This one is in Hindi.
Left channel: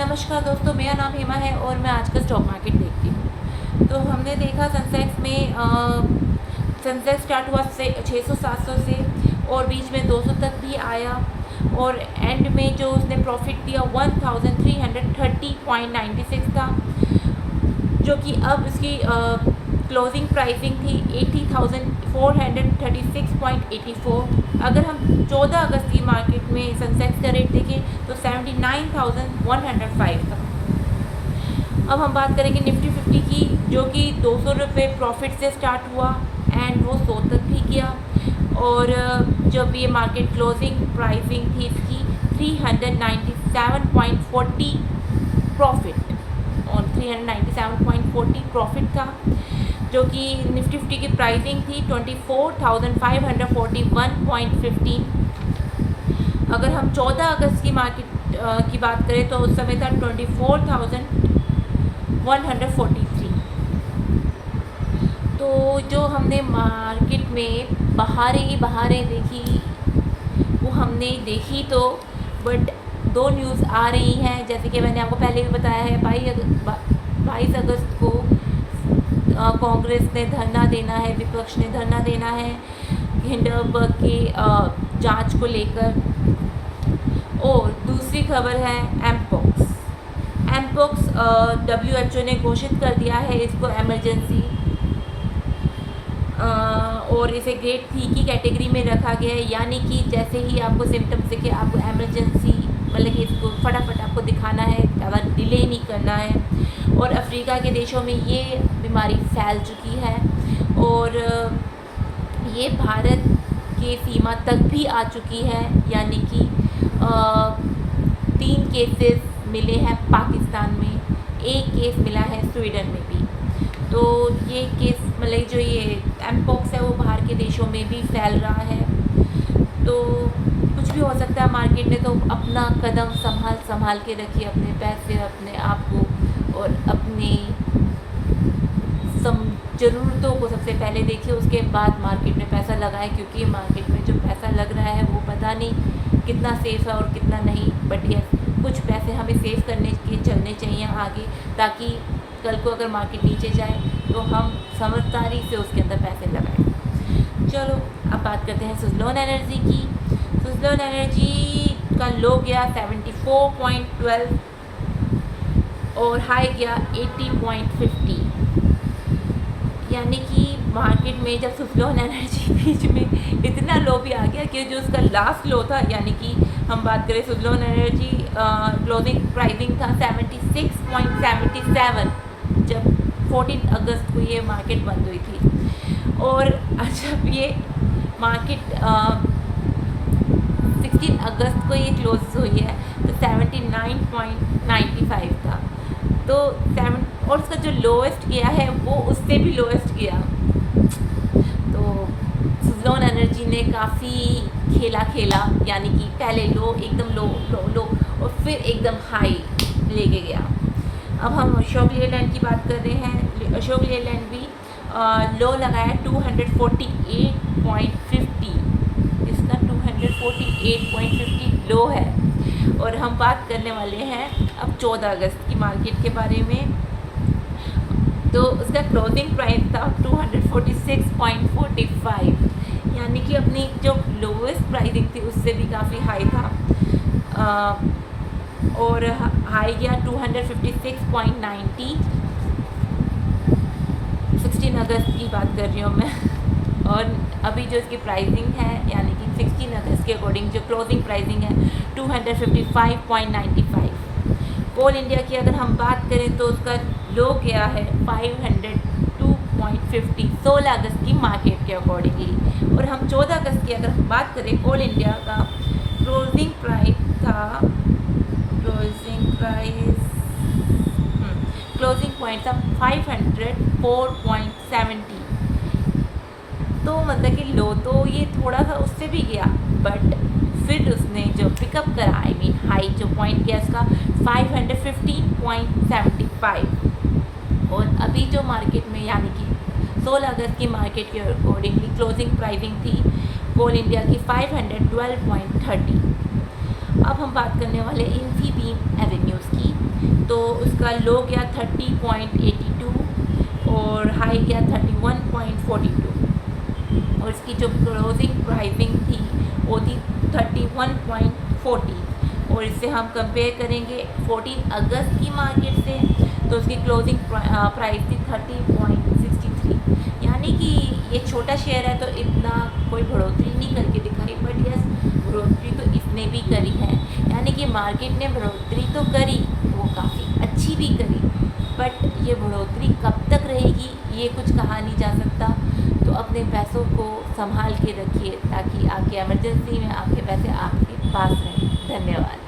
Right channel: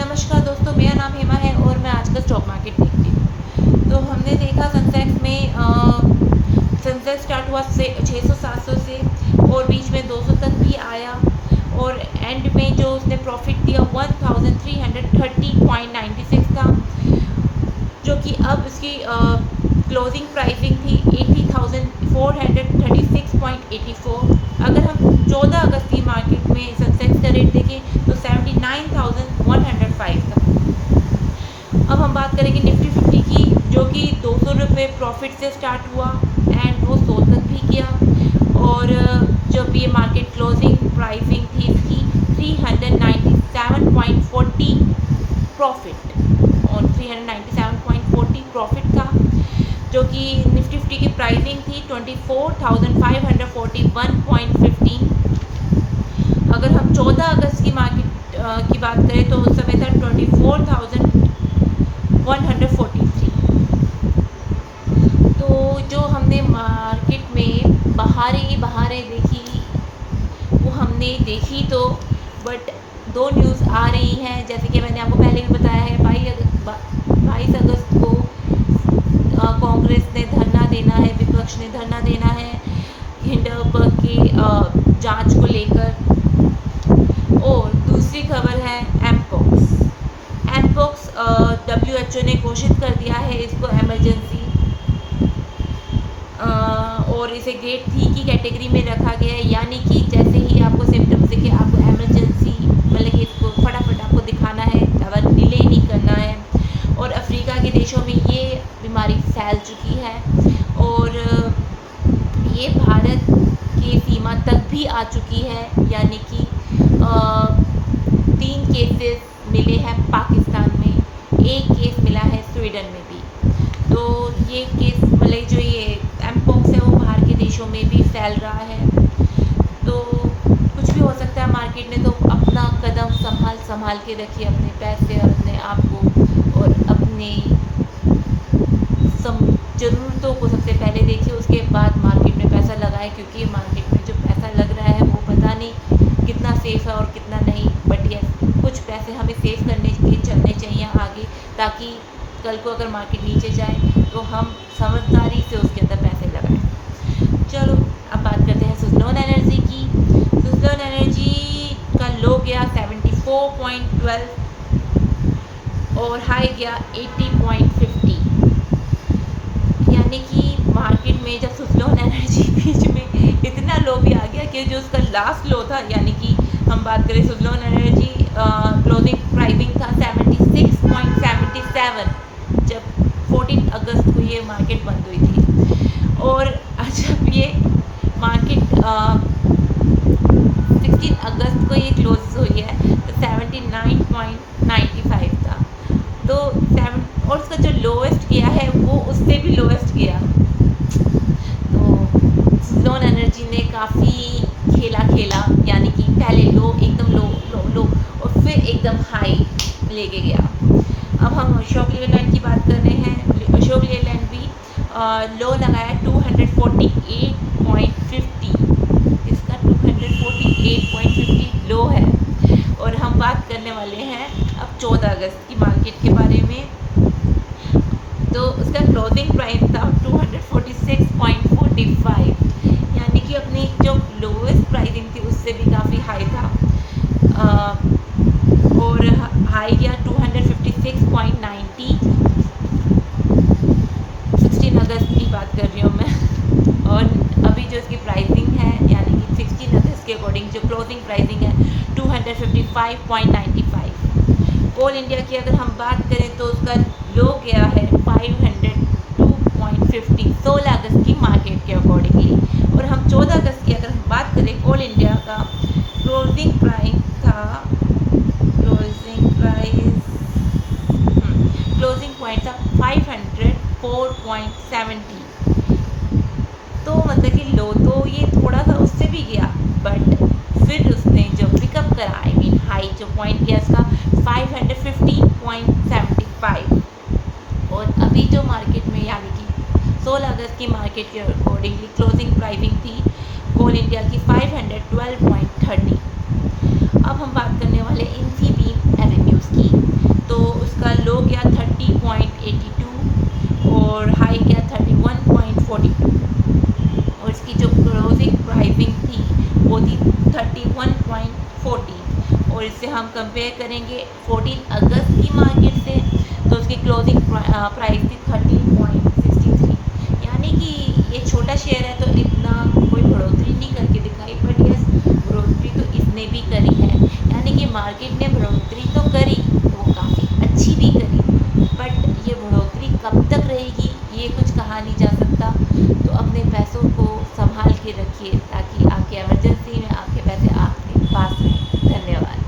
नमस्कार दोस्तों, मेरा नाम हेमा है और मैं आज का स्टॉक मार्केट देखती हूँ। तो हमने देखा सेंसेक्स में सेंसेक्स स्टार्ट हुआ से 600-700 से और बीच में 200 तक भी आया और एंड में जो उसने प्रॉफिट दिया 1330.96 था, जो कि अब इसकी क्लोजिंग प्राइसिंग थी 80,436.84। अगर हम 14 अगस्त की मार्केट में सेंसेक्स का रेट देखें तो 79,105 था। अब हम बात करेंगे निफ्टी 50 की, जो कि 200 रुपये प्रॉफिट से स्टार्ट हुआ एंड वो 100 तक भी गया और जब ये मार्केट क्लोजिंग प्राइसिंग थी इसकी 397.40 प्रॉफिट और 397.40 प्रॉफिट था, जो कि निफ्टी 50 की प्राइसिंग थी 24,541.15। अगर हम 14 अगस्त की मार्केट की बात करें तो उस समय था 24,143। तो जो हमने मार्केट में बहारें देखी वो हमने देखी तो बट दो न्यूज़ आ रही हैं, जैसे कि मैंने आपको पहले भी बताया है 22 अगस्त को कांग्रेस ने धरना देना है, विपक्ष ने धरना देना है हिंडनबर्ग की जांच को लेकर। और दूसरी खबर है एमपॉक्स WHO ने घोषित कर दिया है इसको इमरजेंसी और इसे ग्रेड 3 की कैटेगरी में रखा गया है, यानी कि जैसे ही आपको सिम्टम्स दिखे आपको इमरजेंसी मतलब कि इसको फटाफट आपको दिखाना है, ज़्यादा डिले नहीं करना है। और अफ्रीका के देशों में ये बीमारी फैल चुकी है और ये भारत की सीमा तक भी आ चुकी है, यानी कि 3 केसेस मिले हैं पाकिस्तान में, 1 केस मिला है स्वीडन में भी। तो ये केस मतलब जो ये एमपॉक्स है वो बाहर के देशों में भी फैल रहा है। तो कुछ भी हो सकता है मार्केट में, तो अपना कदम संभाल के रखिए, अपने पैसे, अपने आप को और अपनी ज़रूरतों को सबसे पहले देखिए, उसके बाद मार्केट में पैसा लगाएं, क्योंकि मार्केट में जो पैसा लग रहा है वो पता नहीं कितना सेफ़ है और कितना नहीं। बट ये कुछ पैसे हमें सेव करने के चलने चाहिए आगे, ताकि कल को अगर मार्केट नीचे जाए तो हम समझदारी से उसके अंदर पैसे लगाएं। चलो अब बात करते हैं सुज़लोन एनर्जी की। सुज़लोन एनर्जी का लो गया 74.12 और हाई गया 80.50, यानी कि मार्केट में जब सुज़लोन एनर्जी बीच में इतना लो भी आ गया कि जो उसका लास्ट लो था, यानी कि हम बात करें सुज़लोन एनर्जी क्लोजिंग प्राइसिंग था 76.77 जब 14 अगस्त को ये मार्केट बंद हुई थी। और जब ये मार्केट 16 अगस्त को ये क्लोज हुई है तो 79.95 था। तो 7 और उसका जो लोएस्ट गया है वो उससे भी लोएस्ट गया। तो सुज़लोन एनर्जी ने काफ़ी खेला, यानी कि पहले लो एकदम लो और फिर एकदम हाई लेके गया। अब हम अशोक लेलैंड की बात कर रहे हैं। अशोक लेलैंड भी लो लगाया 248.50, इसका 248.50 लो है। और हम बात करने वाले हैं अब 14 अगस्त की मार्केट के बारे में। तो उसका क्लोजिंग प्राइस था 246.45, यानी कि अपनी जो लोवेस्ट प्राइसिंग थी उससे भी काफ़ी हाई था। और हाई गया 256.90, 16 अगस्त की बात कर रही हूँ मैं। और अभी जो इसकी प्राइसिंग है, यानी कि 16 अगस्त के अकॉर्डिंग जो क्लोजिंग प्राइसिंग है 255.95। कोल इंडिया की अगर हम बात करें तो उसका लो गया है 502.50 16 अगस्त की मार्केट के अकॉर्डिंगली। और हम 14 अगस्त की अगर हम बात करें, कोल इंडिया का क्लोजिंग प्राइस था क्लोजिंग पॉइंट था 504.70। तो मतलब कि लो तो ये थोड़ा सा उससे भी गया, बट फिर उसने जो पिकअप करा हाई जो पॉइंट गया उसका 550.75। और अभी जो मार्केट में यानी कि 16 अगस्त की मार्केट के अकॉर्डिंगली क्लोजिंग प्राइसिंग थी कोल इंडिया की 512.30। अब हम बात करने वाले इन्फीबीम एवेन्यूज़ की। लो गया 30.82 और हाई गया 31.42 और इसकी जो क्लोजिंग प्राइसिंग थी वो थी 31.40 और इससे हम कंपेयर करेंगे 14 अगस्त की मार्केट से तो उसकी क्लोजिंग प्राइस थी 13.63। यानी कि ये छोटा शेयर है तो इतना कोई बढ़ोतरी नहीं करके दिखाई, बट यस बढ़ोतरी तो इसने भी करी है। यानी कि मार्केट ने बढ़ोतरी तो करी तो वो काफ़ी अच्छी भी करी, बट ये बढ़ोतरी कब तक रहेगी ये कुछ कहा नहीं जा सकता। तो अपने पैसों को संभाल के रखिए ताकि आपके इमरजेंसी में आपके पैसे आपके पास रहें। धन्यवाद।